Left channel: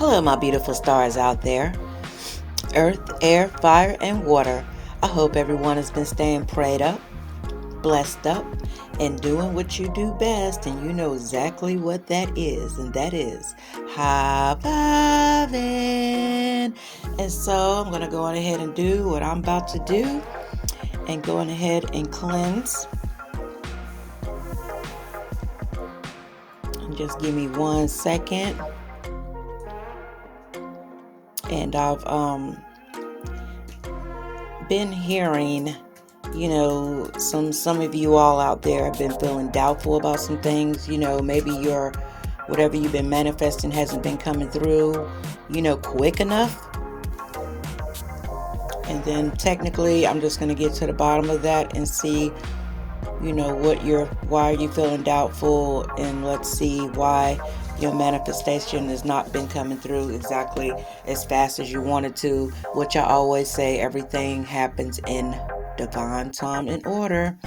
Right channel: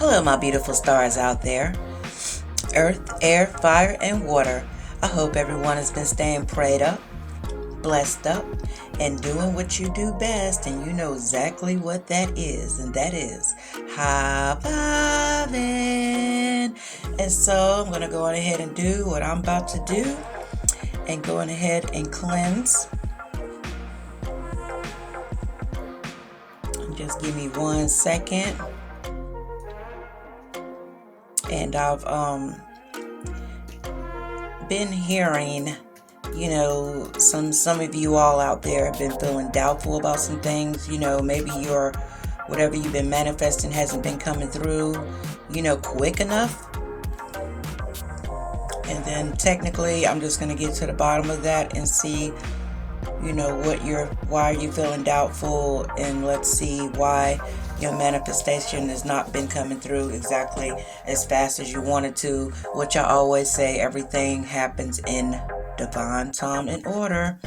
Hello, my beautiful stars out there. Earth, air, fire, and water. I hope everyone has been staying prayed up, blessed up, and doing what you do best. And you know exactly what that is. And that is high fiving. And so I'm going to go on ahead and do what I'm about to do. And go on ahead and cleanse. And just give me 1 second. And I've been hearing, some of you all out there have been feeling doubtful about some things. Maybe whatever you've been manifesting hasn't been coming through, quick enough. And then technically, I'm just going to get to the bottom of that and see, why are you feeling doubtful, and let's see why your manifestation has not been coming through exactly as fast as you wanted to, which I always say, everything happens in divine time and order.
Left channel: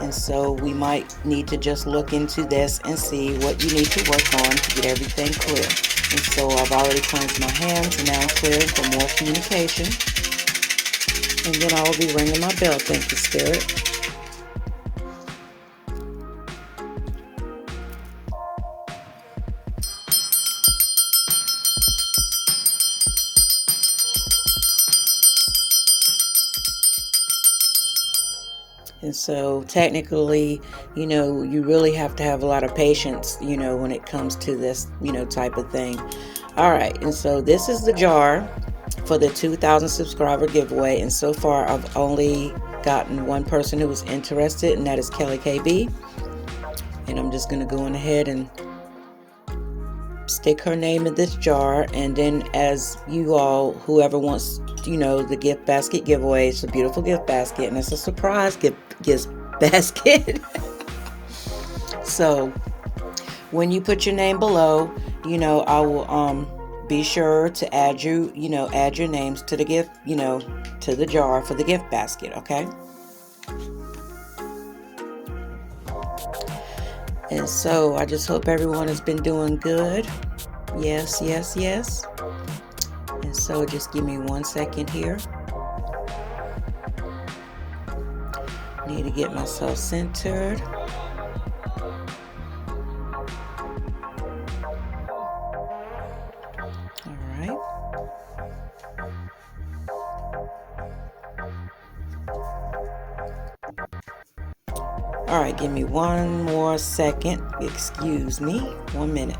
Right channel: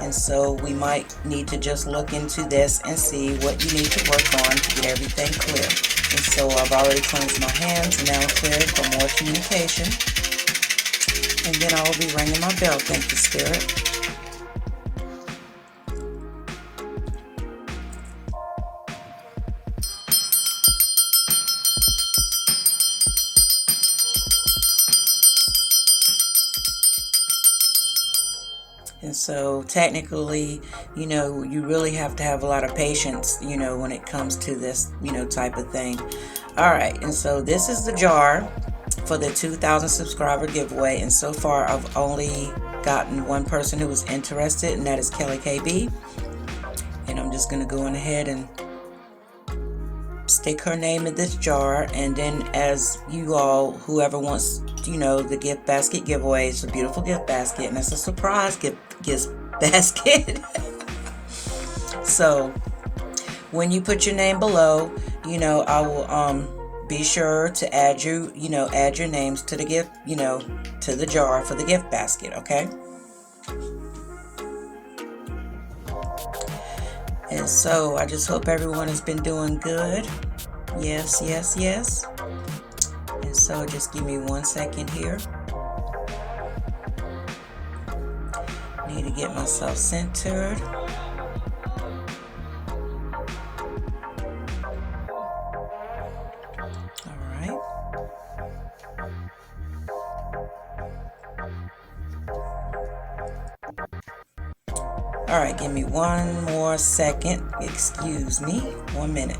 And so we might need to just look into this and see what you need to work on to get everything clear. And so I've already cleansed my hands, now clear for more communication. And then I will be ringing my bell. Thank you, Spirit. And so technically, you really have to have a lot of patience, when it comes to this, type of thing. All right. And so this is the jar for the 2,000 subscriber giveaway. And so far, I've only gotten one person who was interested, and that is Kelly KB. And I'm just going to go on ahead and stick her name in this jar. And then as you all, whoever wants, the gift basket giveaway, it's a beautiful gift basket, and it's a surprise gift basket. So when you put your name below, I will be sure to add add your names to the gift, to the jar for the gift basket, okay? And so I just hope everyone has been doing good. Yes, yes, yes. And so just give me 1 second here. Need to get myself centered. All right. All right, give me 1 more second. Excuse me. 1 minute.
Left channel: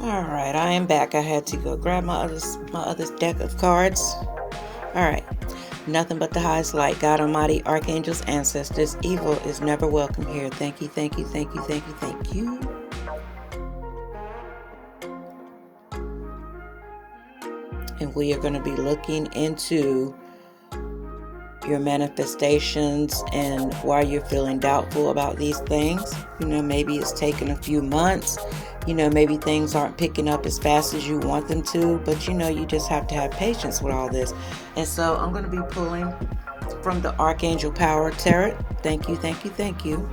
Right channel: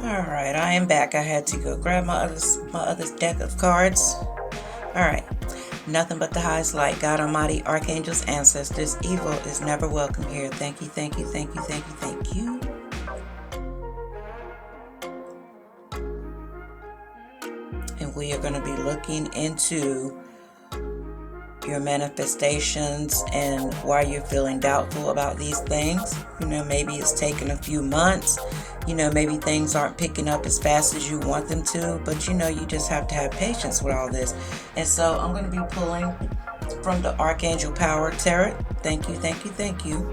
All right, I am back. I had to go grab my other deck of cards. All right. Nothing but the highest light, God Almighty, archangels, ancestors. Evil is never welcome here. Thank you, thank you, thank you, thank you, thank you. And we are going to be looking into your manifestations and why you're feeling doubtful about these things. Maybe it's taken a few months. Maybe things aren't picking up as fast as you want them to, but you just have to have patience with all this. And so I'm going to be pulling from the Archangel Power Tarot. Thank you, thank you, thank you.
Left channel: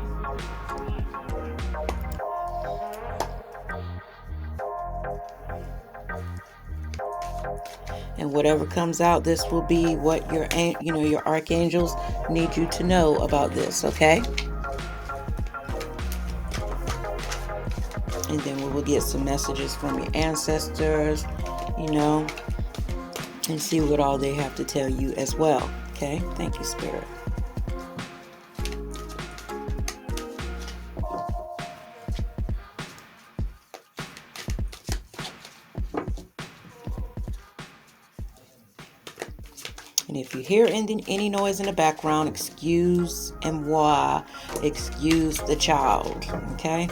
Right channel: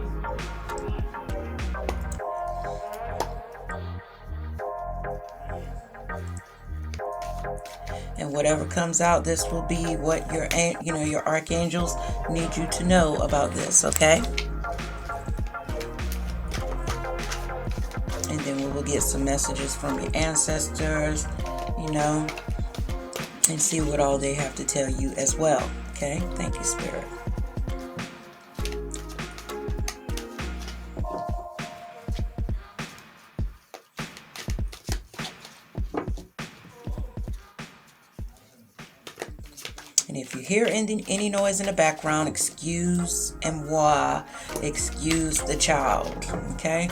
And whatever comes out, this will be what your archangels need you to know about this, okay? And then we will get some messages from your ancestors, and see what all they have to tell you as well, okay? Thank you, Spirit. And if you hear any noise in the background, excuse the child. Okay?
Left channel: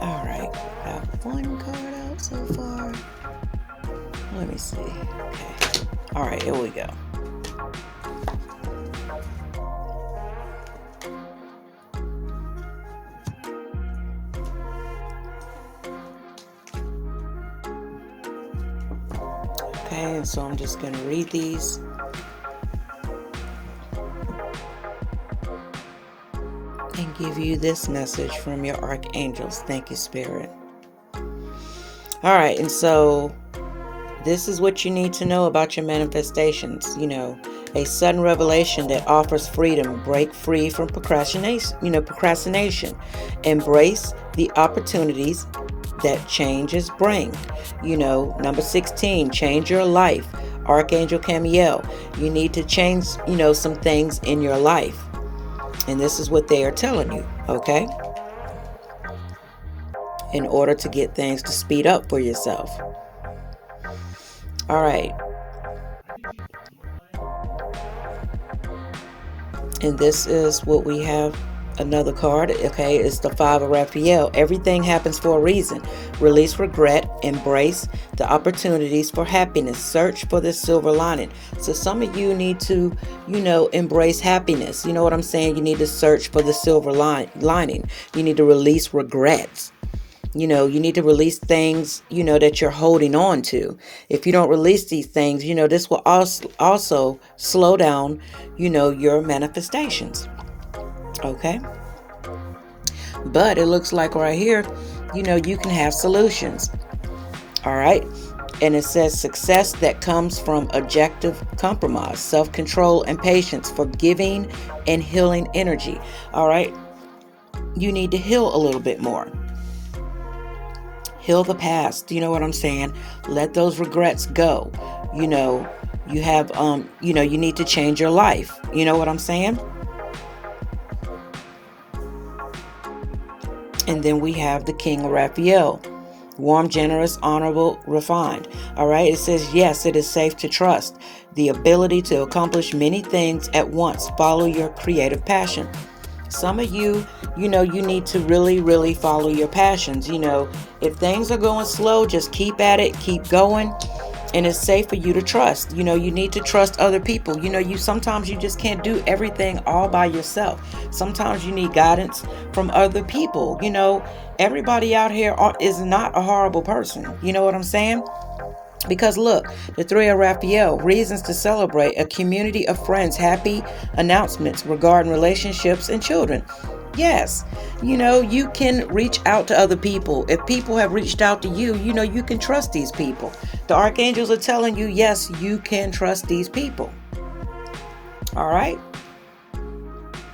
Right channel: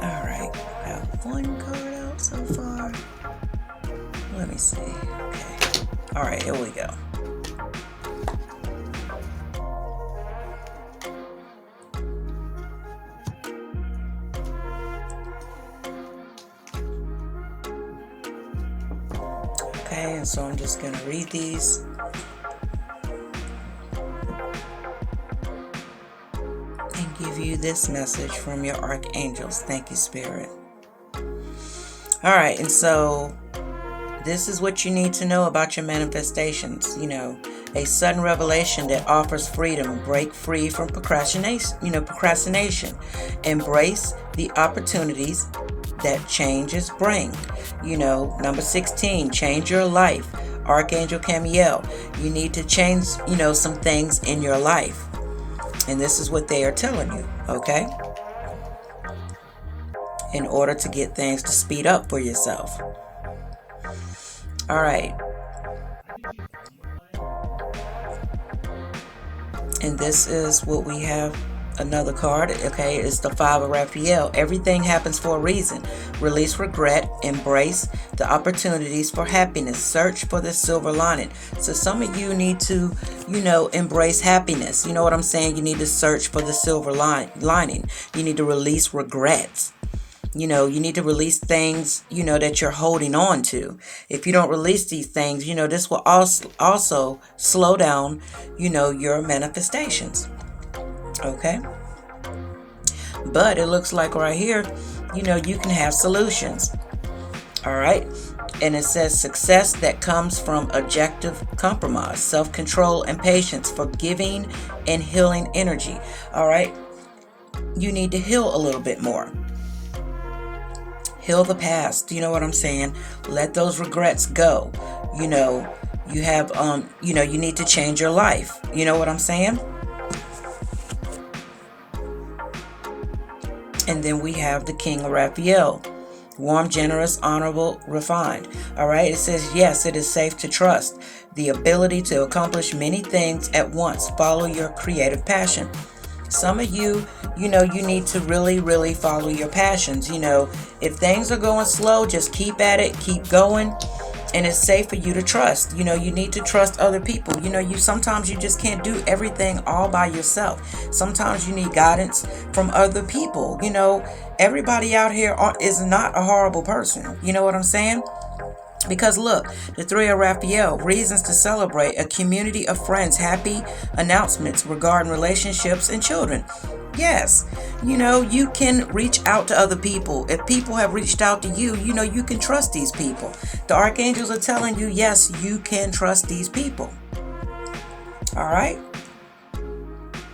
All right. Got one card out so far. Let me see. Okay. All right, here we go. Okay, and so I'm just going to read these. And give you this message from your archangels. Thank you, Spirit. All right, and so this is what you need to know about your manifestations. A sudden revelation that offers freedom. Break free from procrastination. Embrace the opportunities that changes bring. Number 16, change your life. Archangel Camiel, you need to change, some things in your life. And this is what they are telling you, okay? In order to get things to speed up for yourself. All right. And this is what we have. Another card, okay, is the Five of Raphael. Everything happens for a reason. Release regret. Embrace the opportunities for happiness. Search for the silver lining. So some of you need to, embrace happiness. You know what I'm saying? You need to search for the silver lining. You need to release regrets. You need to release things, that you're holding on to. If you don't release these things, this will also slow down, your manifestations. Okay. But it looks like right here, you can have solutions. All right. And it says success that comes from objective compromise, self-control and patience, forgiving and healing energy. All right. You need to heal a little bit more. Heal the past. You know what I'm saying? Let those regrets go. You have, you need to change your life. You know what I'm saying? And then we have the King of Raphael. Warm, generous, honorable, refined. All right. It says, yes, it is safe to trust. The ability to accomplish many things at once. Follow your creative passion. Some of you, you need to really, really follow your passions. If things are going slow, just keep at it, keep going. And it's safe for you to trust. You need to trust other people. Sometimes you just can't do everything all by yourself. Sometimes you need guidance from other people. Everybody out here is not a horrible person. You know what I'm saying? Because look, the Three of Raphael, reasons to celebrate, a community of friends, happy announcements regarding relationships and children. Yes, you can reach out to other people. If people have reached out to you, you can trust these people. The archangels are telling you, yes, you can trust these people. All right.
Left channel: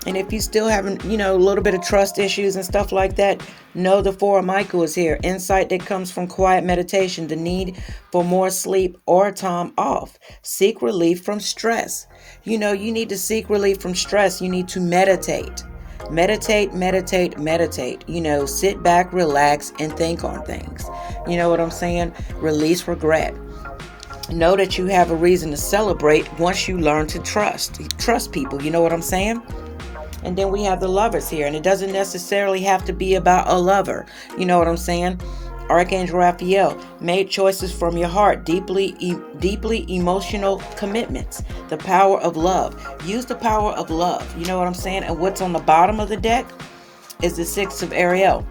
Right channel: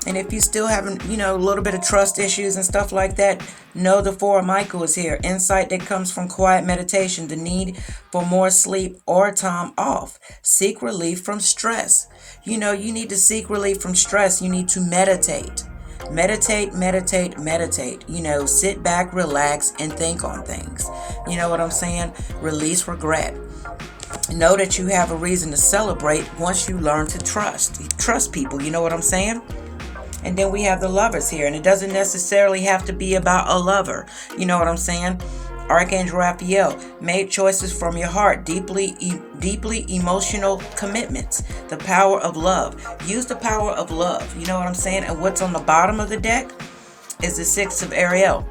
And if you still having, a little bit of trust issues and stuff like that, know the Four of Michael is here. Insight that comes from quiet meditation, the need for more sleep or time off. Seek relief from stress. You need to seek relief from stress. You need to meditate. Meditate. Sit back, relax, and think on things. You know what I'm saying? Release regret. Know that you have a reason to celebrate once you learn to trust people. You know what I'm saying? And then we have the Lovers here, and it doesn't necessarily have to be about a lover. You know what I'm saying? Archangel Raphael, made choices from your heart, deeply emotional commitments, the power of love. Use the power of love. You know what I'm saying? And what's on the bottom of the deck is the Six of Ariel.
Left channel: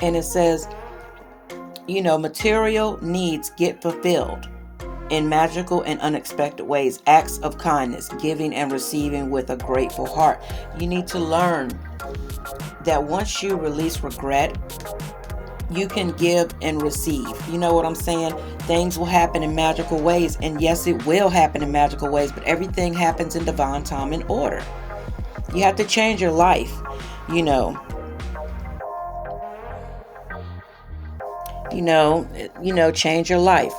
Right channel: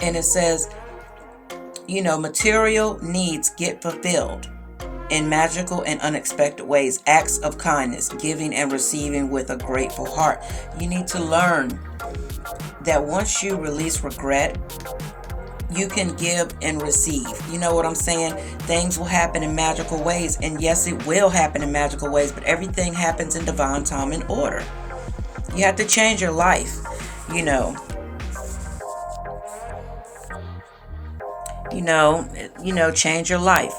And it says, material needs get fulfilled in magical and unexpected ways. Acts of kindness, giving and receiving with a grateful heart. You need to learn that once you release regret, you can give and receive. You know what I'm saying? Things will happen in magical ways. And yes, it will happen in magical ways, but everything happens in divine time and order. You have to change your life, change your life.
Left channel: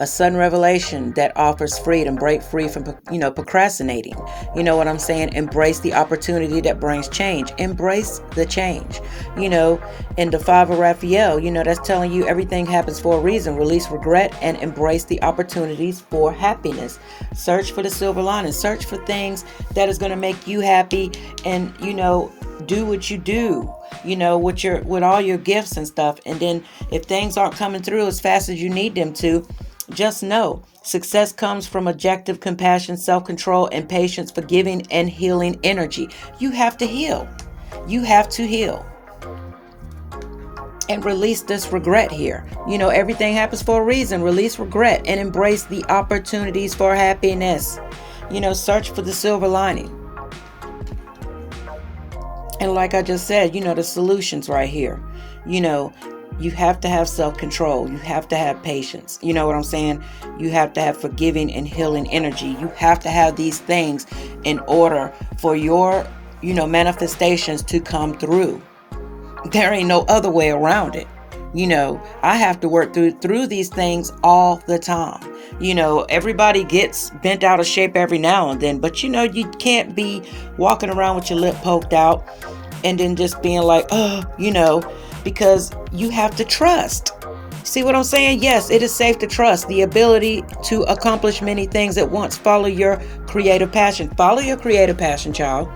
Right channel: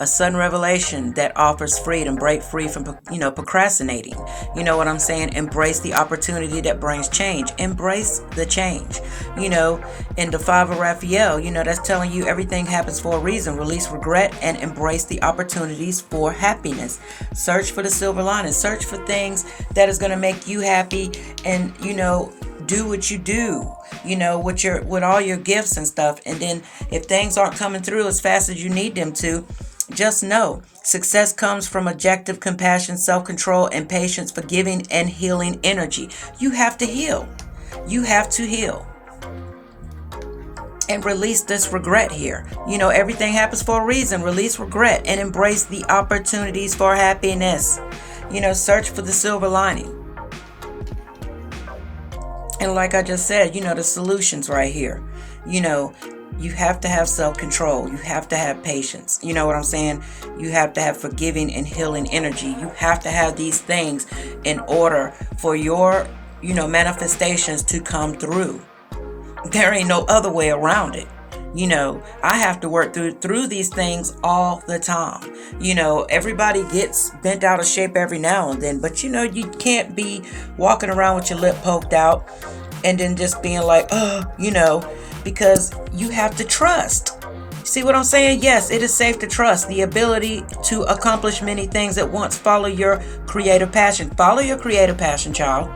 A sudden revelation that offers freedom. Break free from, procrastinating. You know what I'm saying? Embrace the opportunity that brings change. Embrace the change. In the Five of Raphael, that's telling you everything happens for a reason. Release regret and embrace the opportunities for happiness. Search for the silver lining. Search for things that is going to make you happy, and, do what you do, with all your gifts and stuff. And then if things aren't coming through as fast as you need them to, just know success comes from objective compassion, self-control, and patience, forgiving and healing energy. You have to heal. You have to heal. And release this regret here. Everything happens for a reason. Release regret and embrace the opportunities for happiness. Search for the silver lining. And like I just said, the solutions right here. You have to have self-control. You have to have patience. You know what I'm saying? You have to have forgiving and healing energy. You have to have these things in order for your, manifestations to come through. There ain't no other way around it. I have to work through these things all the time. Everybody gets bent out of shape every now and then, but you can't be walking around with your lip poked out and then just being like, because you have to trust. See what I'm saying? Yes, it is safe to trust the ability to accomplish many things at once. Follow your creative passion. Follow your creative passion, child.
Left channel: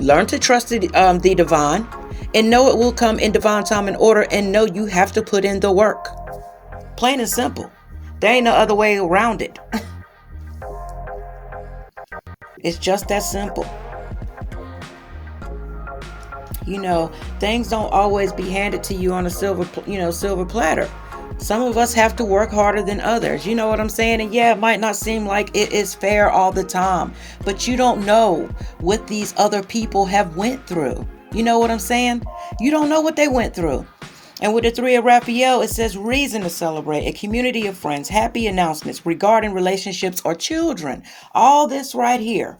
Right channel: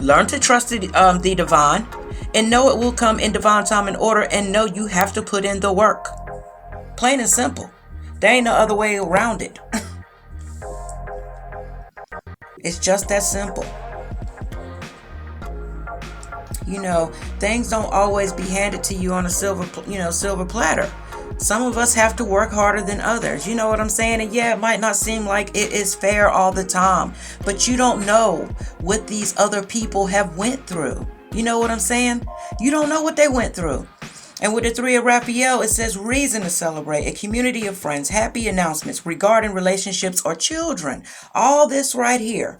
Learn to trust the divine, and know it will come in divine time and order, and know you have to put in the work. Plain and simple. There ain't no other way around it. It's just that simple. Things don't always be handed to you on a silver platter. Some of us have to work harder than others. You know what I'm saying? And yeah, it might not seem like it is fair all the time, but you don't know what these other people have went through. You know what I'm saying? You don't know what they went through. And with the Three of Raphael, it says reason to celebrate, a community of friends, happy announcements regarding relationships or children. All this right here.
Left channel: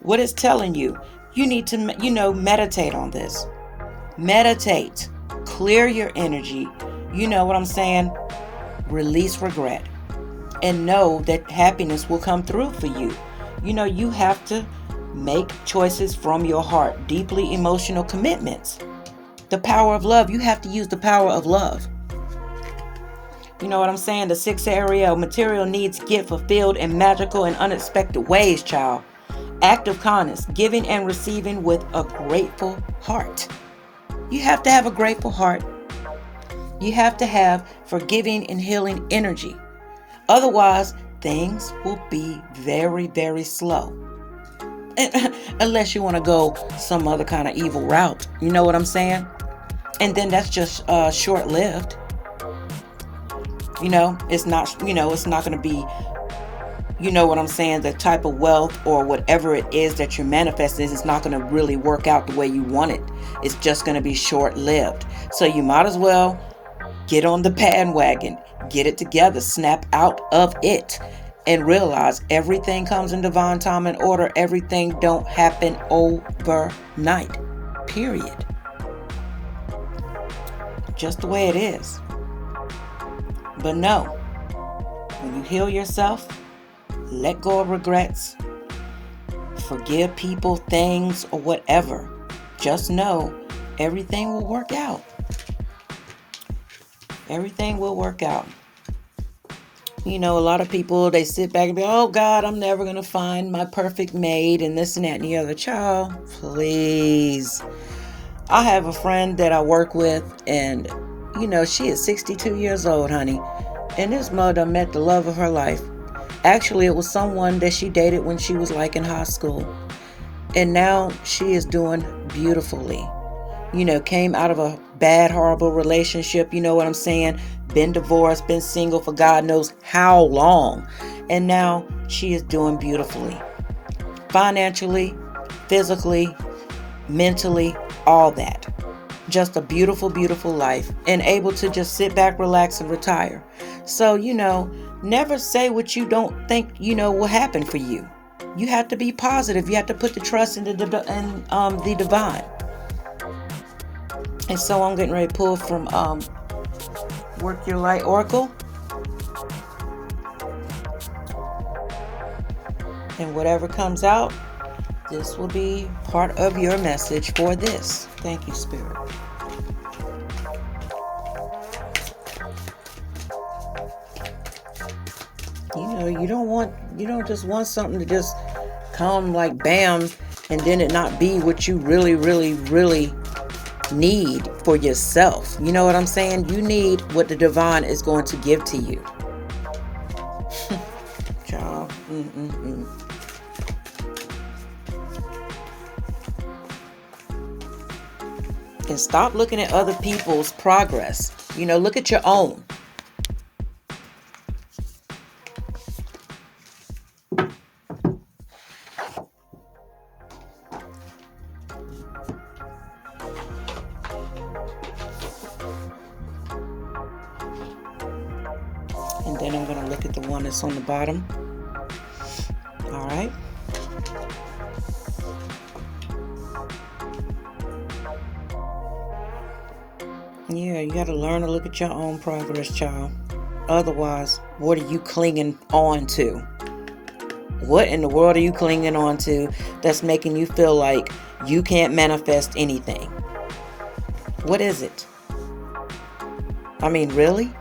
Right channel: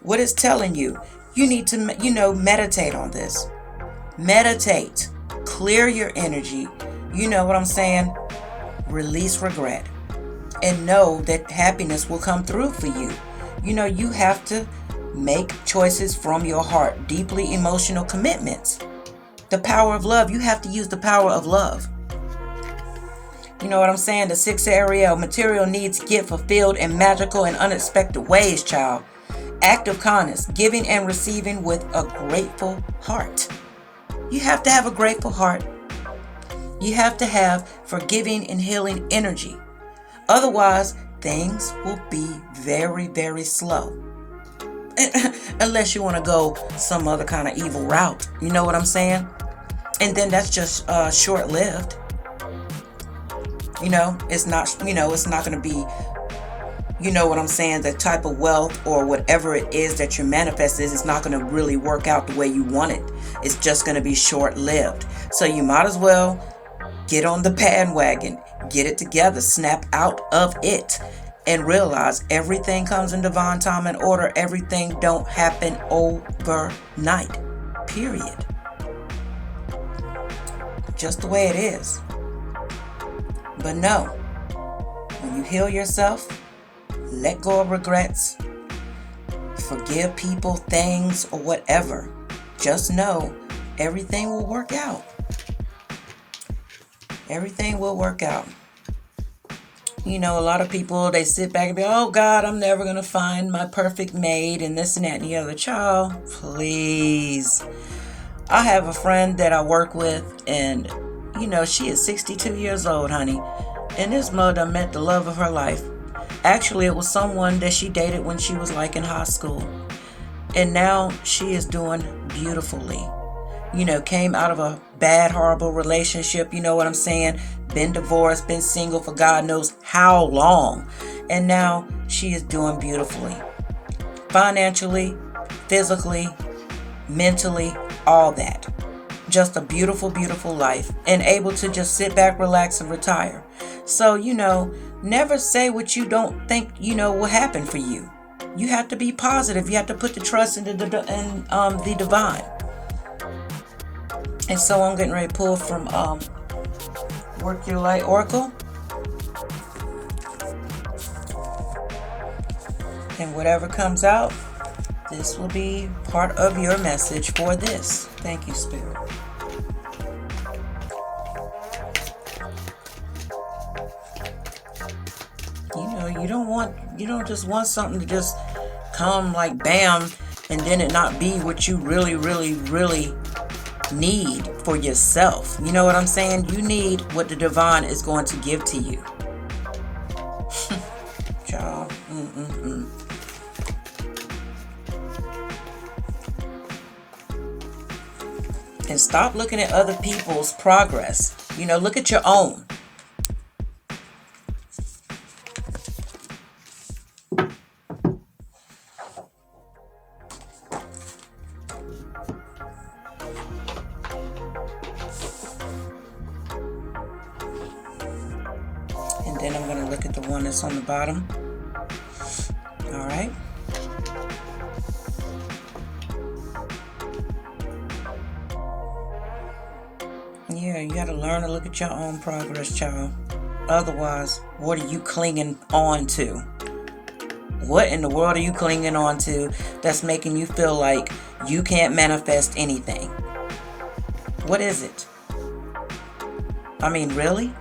What it's telling you, you need to, meditate on this. Meditate. Clear your energy. You know what I'm saying? Release regret. And know that happiness will come through for you. You have to make choices from your heart. Deeply emotional commitments. The power of love. You have to use the power of love. You know what I'm saying? The Six of Ariel. Material needs get fulfilled in magical and unexpected ways, child. Act of kindness, giving and receiving with a grateful heart. You have to have a grateful heart. You have to have forgiving and healing energy. Otherwise, things will be very, very slow. Unless you want to go some other kind of evil route. You know what I'm saying? And then that's just short-lived. It's not going to be, you know what I'm saying, the type of wealth or whatever it is that you're manifesting is not going to really work out the way you want it. It's just going to be short-lived. So you might as well get on the bandwagon, get it together, snap out of it, and realize everything comes in divine time and order. Everything don't happen overnight. Period. Just the way it is. But no, when you heal yourself, let go of regrets, forgive people, things, or whatever. Just know everything will work out. Everything will work out. A lot of people, they sit back and be, oh God, I'm never going to find my perfect mate and this and that and the other. Child, please. I have a friend that I work with, and, she is 62 years old, honey. And this mother met the love of her life. Actually, it was someone that she dated when she was in high school. And now she is doing beautifully. Came out of a bad, horrible relationship. You know what I'm saying? Been divorced, been single for God knows how long. And now she is doing beautifully. Financially, physically, mentally, all that. Just a beautiful, beautiful life. And able to just sit back, relax, and retire. So, never say what you don't think, will happen for you. You have to be positive. You have to put the trust in the divine. And so I'm getting ready to pull from Work Your Light Oracle. And whatever comes out, this will be part of your message for this. Thank you, Spirit. You know, you don't just want something to just come like bam and then it not be what you really, really, really need for yourself. You know what I'm saying? You need what the divine is going to give to you. Y'all. And stop looking at other people's progress. You know, look at your own. And then I'm going to look at the one that's on the bottom. All right. Yeah, you got to learn to look at your own progress, child. Otherwise, what are you clinging on to? What in the world are you clinging on to that's making you feel like you can't manifest anything? What is it? I mean, really?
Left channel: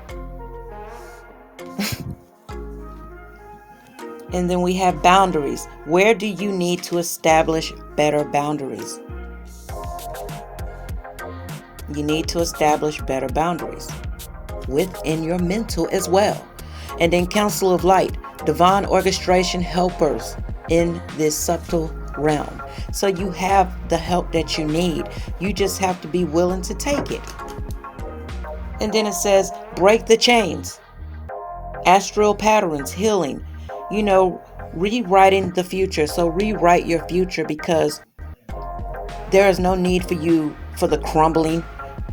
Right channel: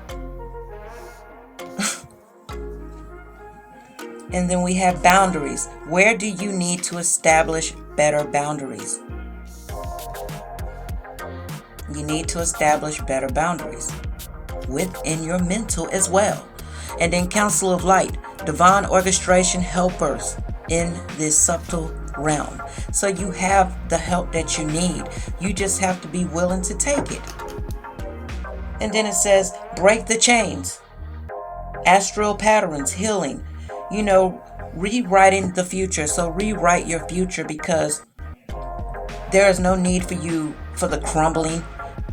And then we have boundaries. Where do you need to establish better boundaries? You need to establish better boundaries within your mental as well. And then Council of Light, divine orchestration helpers in this subtle realm. So you have the help that you need. You just have to be willing to take it. And then it says, break the chains. Astral patterns, healing, you know, rewriting the future. So rewrite your future, because there is no need for you for the crumbling.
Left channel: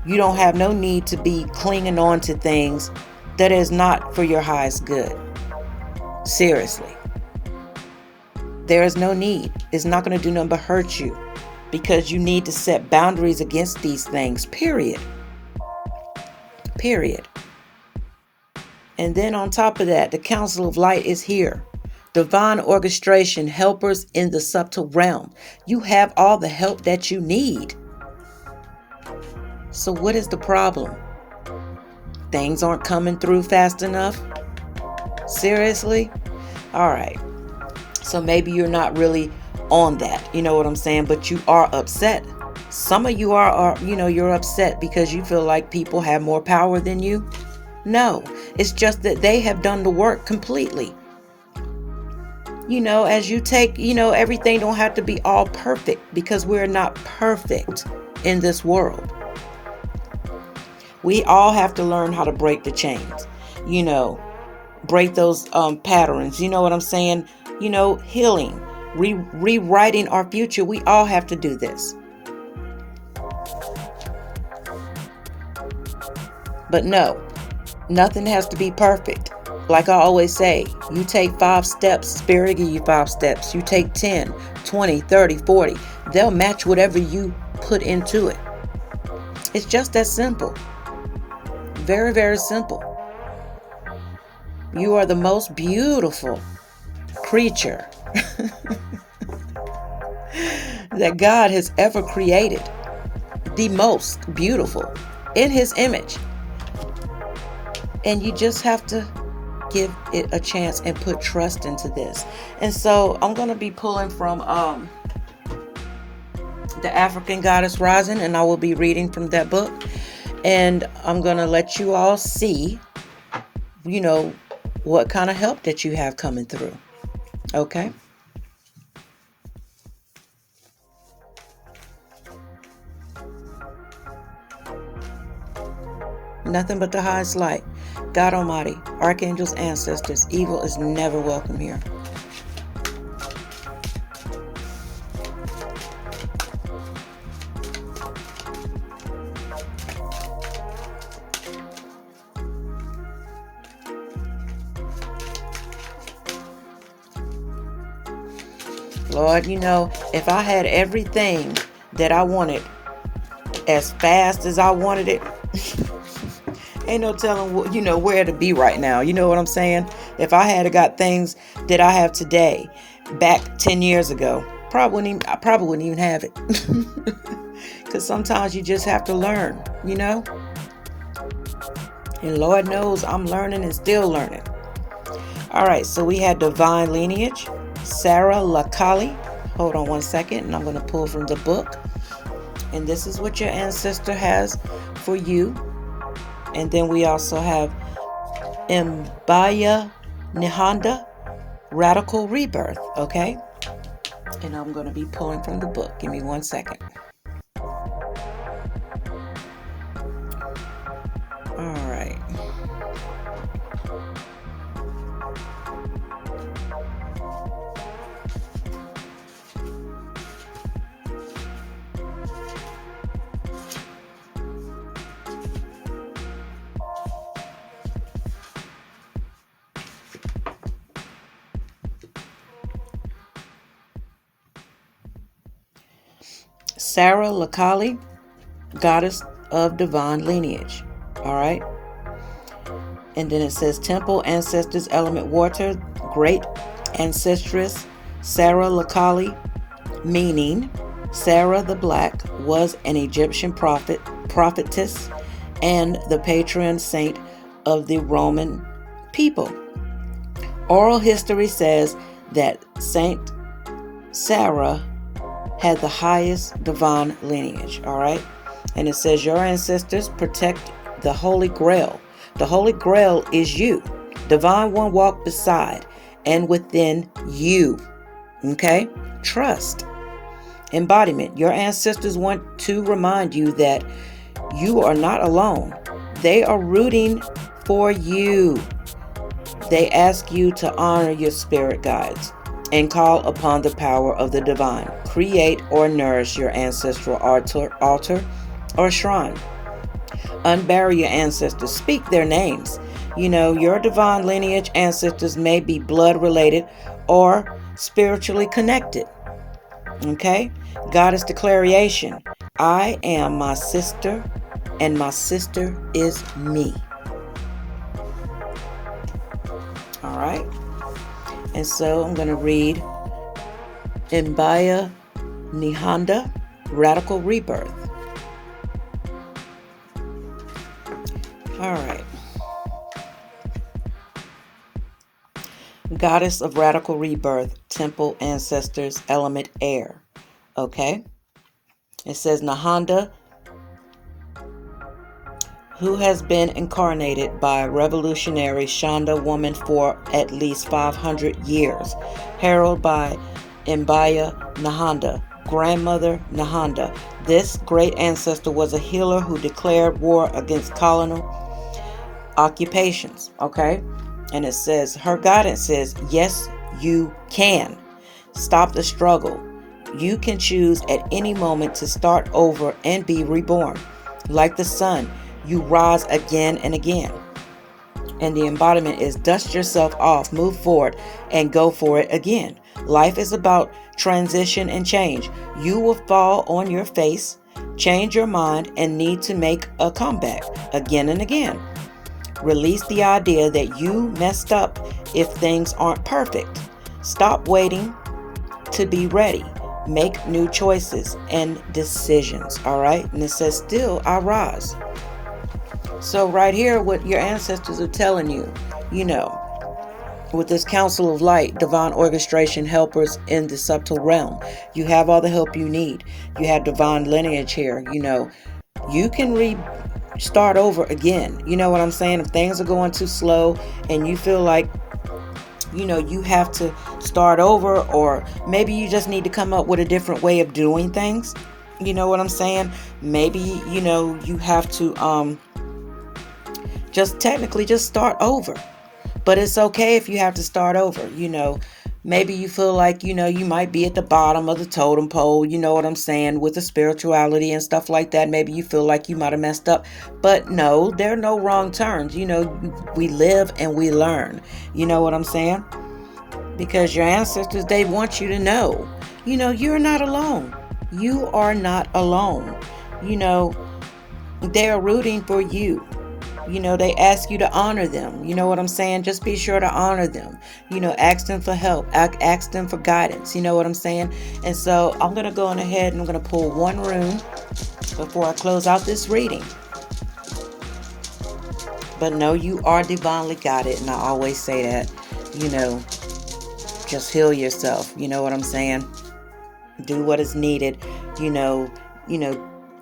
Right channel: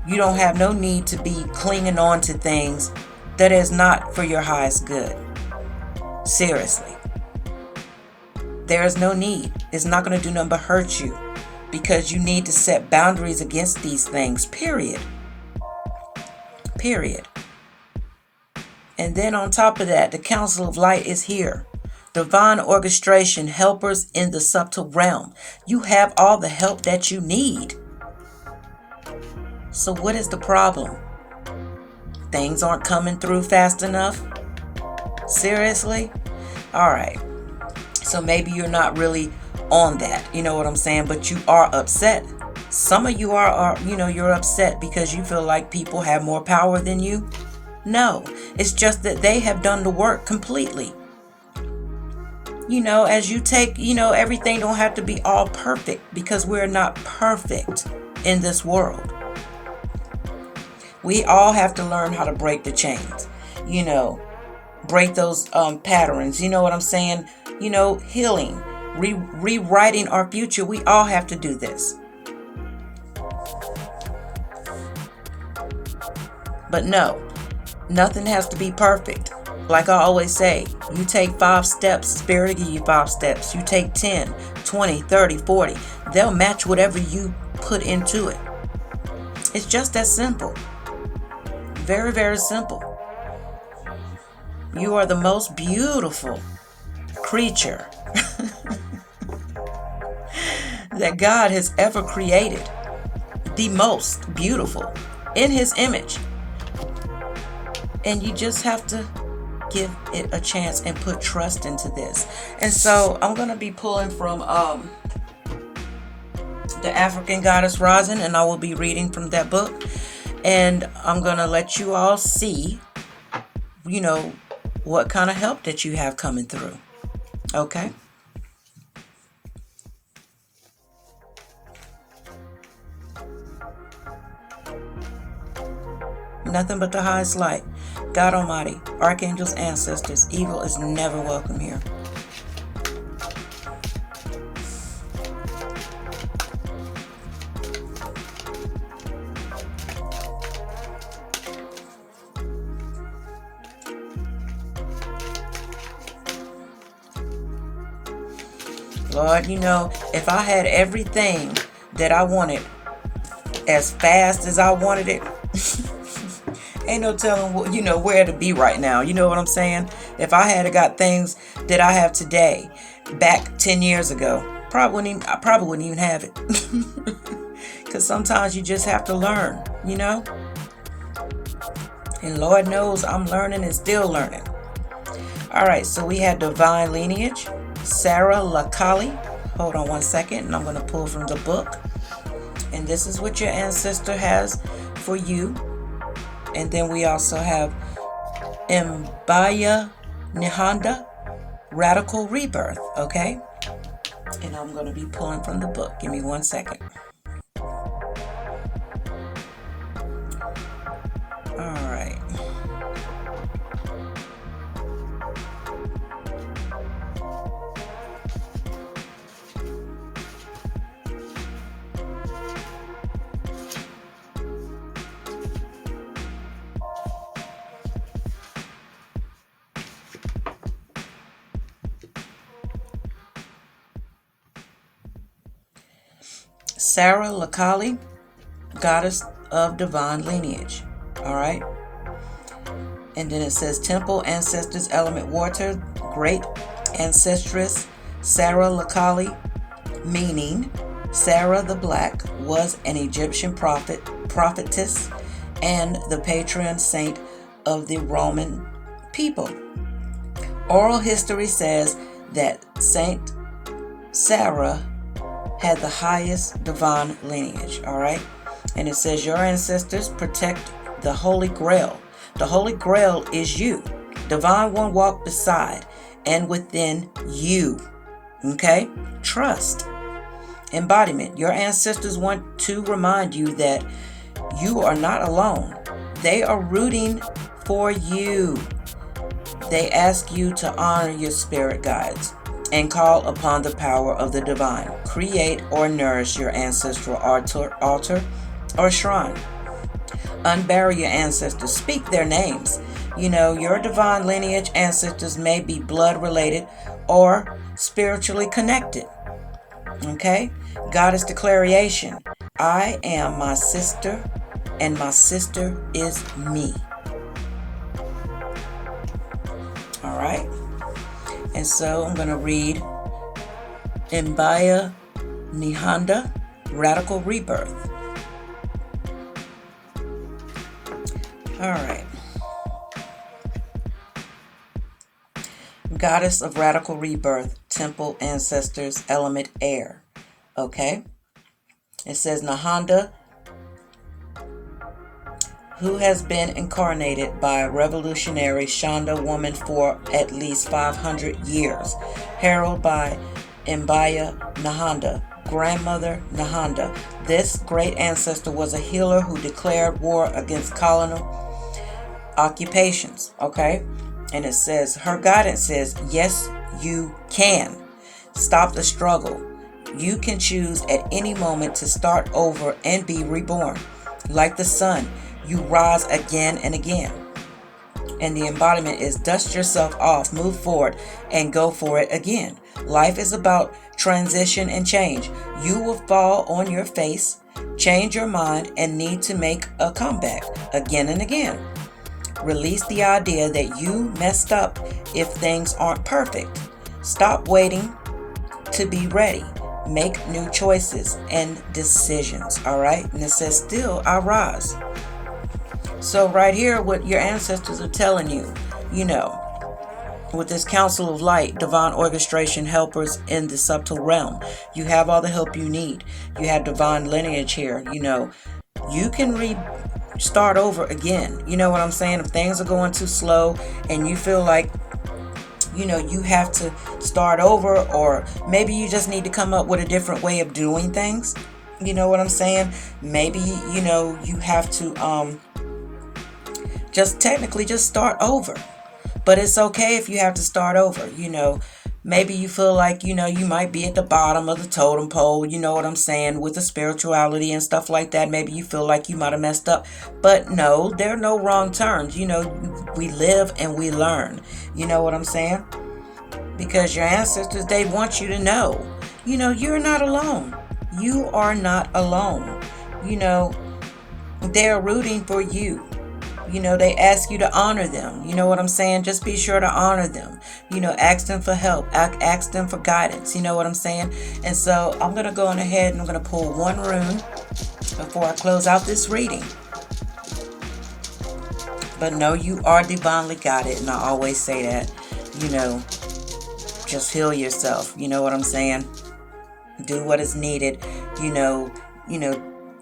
You don't have no need to be clinging on to things that is not for your highest good. Seriously. There is no need. It's not going to do nothing but hurt you, because you need to set boundaries against these things, period. Period. And then on top of that, the Council of Light is here. Divine orchestration helpers in the subtle realm. You have all the help that you need. So what is the problem? Things aren't coming through fast enough? Seriously? All right. So maybe you're not really on that. You know what I'm saying? But you are upset. Some of you are you're upset because you feel like people have more power than you. No, it's just that they have done the work completely. You know, as you take, everything don't have to be all perfect, because we're not perfect in this world. We all have to learn how to break the chains, break those patterns. You know what I'm saying? Healing, rewriting our future. We all have to do this. But no, nothing has to be perfect. Like I always say, you take 5 steps, Spirit will give you 5 steps. You take 10, 20, 30, 40. They'll match whatever you put into it. It's just that simple. Very, very simple. You are the most beautiful creature that God has ever created. The most beautiful in His image. And you just have to give it a chance and put trust into this. And so I'm going to be pulling from the African Goddess Rising, and I will be reading from that book. And I'm going to let you all see, what kind of help that you have coming through. Okay? Nothing but the highest light. God Almighty, archangels, ancestors, evil is never welcome here. Lord, if I had everything that I wanted as fast as I wanted it, Ain't no telling, where to be right now. You know what I'm saying? If I had got things that I have today back 10 years ago, I probably wouldn't even have it. Because sometimes you just have to learn, And Lord knows I'm learning and still learning. All right, so we had divine lineage, Sarah Lakali. Hold on one second, and I'm going to pull from the book. And this is what your ancestor has for you. And then we also have Mbaya Nihanda, Radical Rebirth, okay? And I'm going to be pulling from the book. Give me one second. All right. Sarah Lakali, goddess of divine lineage. All right. And then it says temple ancestors, element water, great ancestress Sarah Lakali, meaning Sarah the Black was an Egyptian prophetess, and the patron saint of the Roman people. Oral history says that Saint Sarah had the highest divine lineage, all right? And it says your ancestors protect the Holy Grail. The Holy Grail is you. Divine One walk beside and within you, okay? Trust. Embodiment. Your ancestors want to remind you that you are not alone. They are rooting for you. They ask you to honor your spirit guides and call upon the power of the divine. Create or nourish your ancestral altar or shrine. Unbury your ancestors. Speak their names. Your divine lineage ancestors may be blood related or spiritually connected. Okay? Goddess declaration. I am my sister, and my sister is me. All right? And so I'm going to read Mbaya Nihanda, Radical Rebirth. All right. Goddess of Radical Rebirth, Temple Ancestors, Element Air. Okay. It says Nahanda, who has been incarnated by revolutionary Shanda woman for at least 500 years, heralded by Mbaya Nahanda, grandmother Nahanda. This great ancestor was a healer who declared war against colonial occupations, okay? And it says, her guidance says, yes, you can. Stop the struggle. You can choose at any moment to start over and be reborn. Like the sun, you rise again and again. And the embodiment is dust yourself off, move forward, and go for it again. Life is about transition and change. You will fall on your face, change your mind, and need to make a comeback again and again. Release the idea that you messed up if things aren't perfect. Stop waiting to be ready. Make new choices and decisions, all right? And it says, still I rise. So right here, what your ancestors are telling you, with this council of light, divine orchestration helpers in the subtle realm, you have all the help you need. You have divine lineage here, you can start over again. You know what I'm saying? If things are going too slow and you feel like, you have to start over, or maybe you just need to come up with a different way of doing things. You know what I'm saying? Maybe, you have to, just start over. But it's okay if you have to start over. Maybe you feel like, you might be at the bottom of the totem pole, you know what I'm saying, with the spirituality and stuff like that. Maybe you feel like you might have messed up. But no, there are no wrong turns. We live and we learn. You know what I'm saying? Because your ancestors, they want you to know, you're not alone. You are not alone. They're rooting for you. they ask you to honor them. You know what I'm saying? Just be sure to honor them. Ask them for help. Ask them for guidance. You know what I'm saying? And so I'm going to go on ahead and I'm going to pull one rune before I close out this reading. But no, you are divinely guided, and I always say that. Just heal yourself. You know what I'm saying? Do what is needed.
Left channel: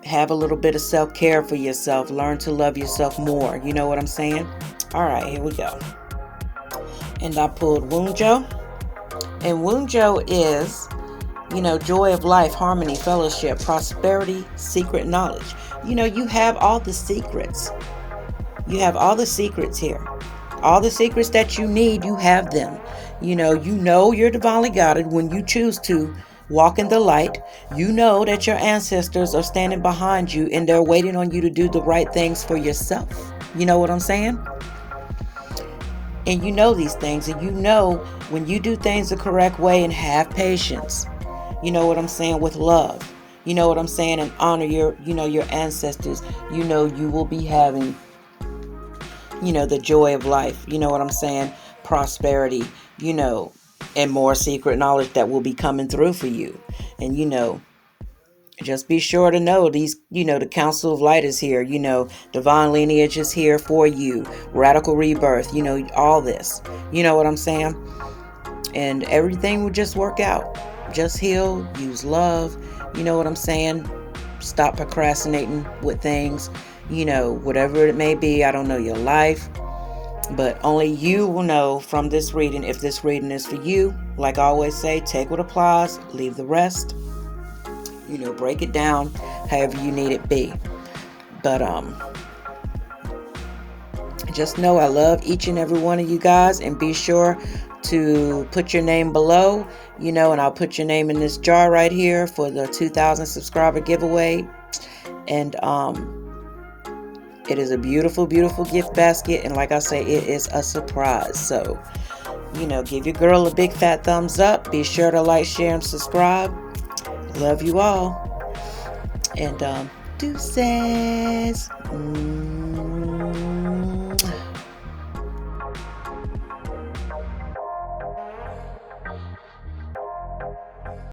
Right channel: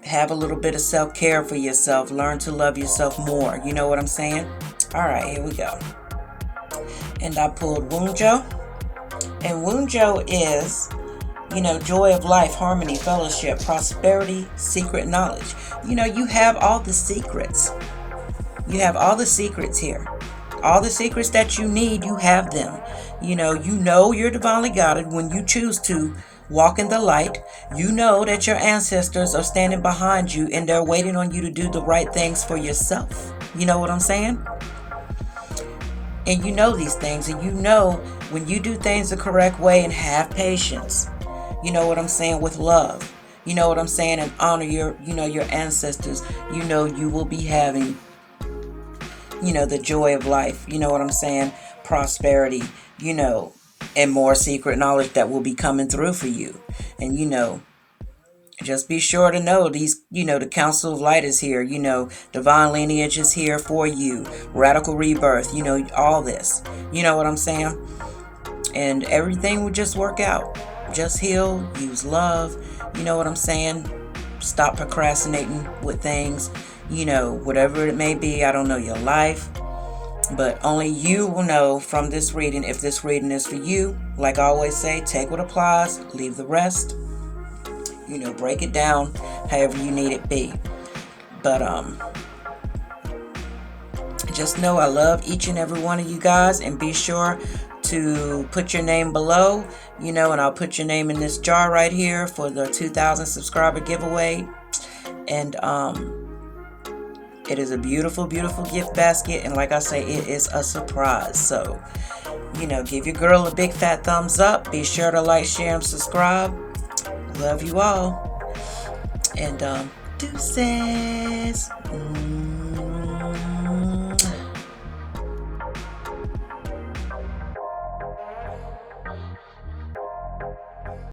Have a little bit of self-care for yourself. Learn to love yourself more. You know what I'm saying? All right, here we go. And I pulled Wunjo. And Wunjo is, joy of life, harmony, fellowship, prosperity, secret knowledge. You have all the secrets. You have all the secrets here. All the secrets that you need, you have them. You're divinely guided when you choose to walk in the light. You know that your ancestors are standing behind you and they're waiting on you to do the right things for yourself. You know what I'm saying? And you know these things, and when you do things the correct way and have patience, you know what I'm saying, with love, you know what I'm saying, and honor your ancestors, you will be having, the joy of life, you know what I'm saying, prosperity, and more secret knowledge that will be coming through for you. And, just be sure to know these, the Council of Light is here, divine lineage is here for you, radical rebirth, all this, you know what I'm saying? And everything will just work out. Just heal, use love, you know what I'm saying? Stop procrastinating with things, whatever it may be. I don't know your life, but only you will know from this reading if this reading is for you. Like I always say, take what applies, leave the rest. Break it down however you need it be. But just know I love each and every one of you guys, and be sure to put your name below, and I'll put your name in this jar right here for the 2,000 subscriber giveaway. And it is a beautiful, beautiful gift basket, and like I say, it is a surprise. So, give your girl a big fat thumbs up. Be sure to like, share, and subscribe. Love you all. And deuces.